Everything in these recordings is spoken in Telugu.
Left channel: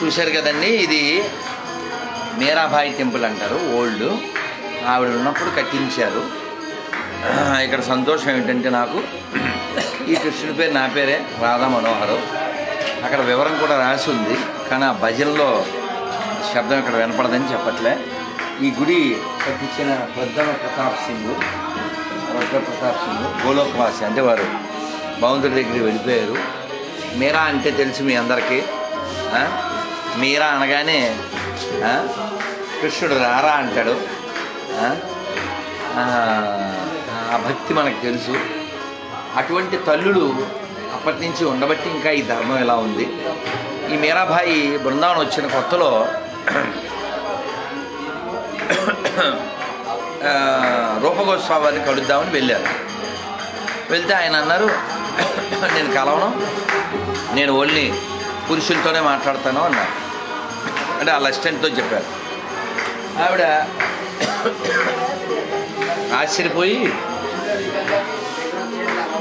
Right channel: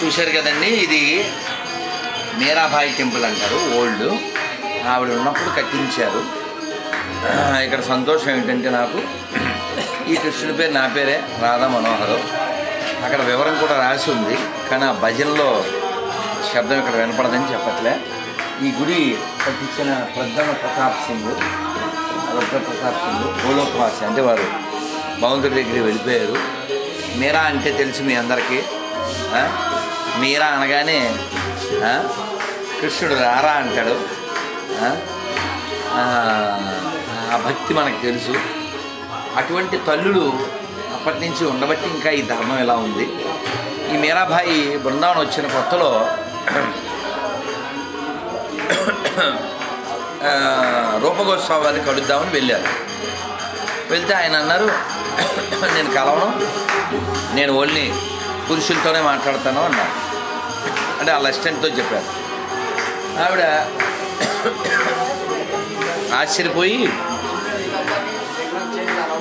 చూశారు కదండి, ఇది మీరాబాయి టెంపుల్ అంటారు. ఓల్డ్ ఆవిడ ఉన్నప్పుడు కట్టించారు. ఇక్కడ సంతోషం ఏంటంటే నాకు ఈ కృష్ణుడి పేరు నా పేరే రాధా మనోహరం. అక్కడ వివరం కూడా రాసి ఉంది, కానీ ఆ భజనలో శబ్దం ఇక్కడ వినపడదని చెప్పట్లే. ఈ గుడి కట్టించిన రుద్ర ప్రతాప్ సింగ్ గోలోకవాసి, అంటే వారు భగవంతుడి దగ్గరికి వెళ్ళిపోయారు. మీరా అంటే తెలుసు మీ అందరికీ. మీరా అనగానే కృష్ణుడు రారా అంటాడు. ఆ భక్తి మనకు తెలుసు. అటువంటి తల్లులు అప్పటి నుంచి ఉండబట్టి ఇంకా ఈ ధర్మం ఎలా ఉంది. ఈ మీరాబాయి బృందావనం వచ్చిన కొత్తలో రూపగోస్వామి వారిని కలుద్దామని వెళ్ళారు. వెళ్తే ఆయన అన్నారు, నేను కలవను, నేను ఓన్లీ పురుషులతోనే మాట్లాడతాను అన్నారు. అంటే వాళ్ళ అసిస్టెంట్తో చెప్పారు. ఆవిడ ఆశ్చర్యపోయి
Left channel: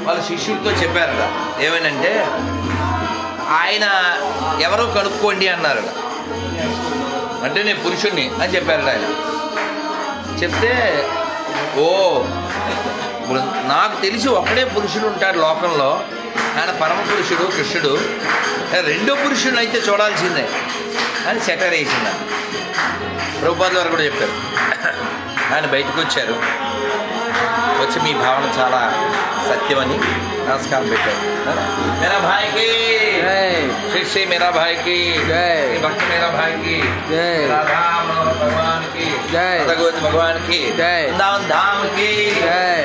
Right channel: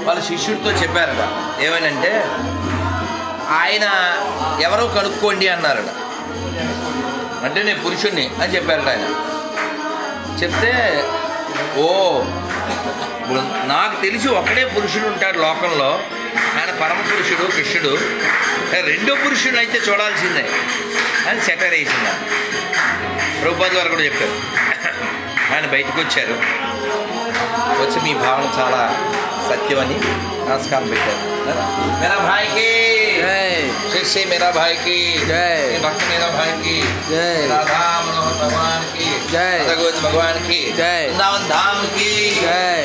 వాళ్ళ శిష్యుడితో చెప్పారట, ఏమనంటే ఆయన ఎవరో కనుక్కోండి అన్నారట. అంటే నేను పురుషుణ్ణి అని చెప్పారట ఆయన. చెప్తే నాకు తెలిసి ఒకడే పురుషుడు ఉంటాడు లోకంలో, ఆయన పరమ పురుషుడు కృష్ణుడు, రెండో పురుషుడు అయితే చూడాల్సిందే అని సెటర్ వేసింది. ప్రభుపాదుల వారు కూడా చెప్పారు. ఆయన బయటకు వచ్చారు, వచ్చి మీ భావన చాలా సత్యమని నమస్కారం పెట్టారు. मेरा भाई की जय, फिर से मेरा भाई की जय, भक्त मेरा भाई की जय, राधा मनोहर भगवान की जय, गोविंद भगवान की जय, वृंदावन धाम की जय।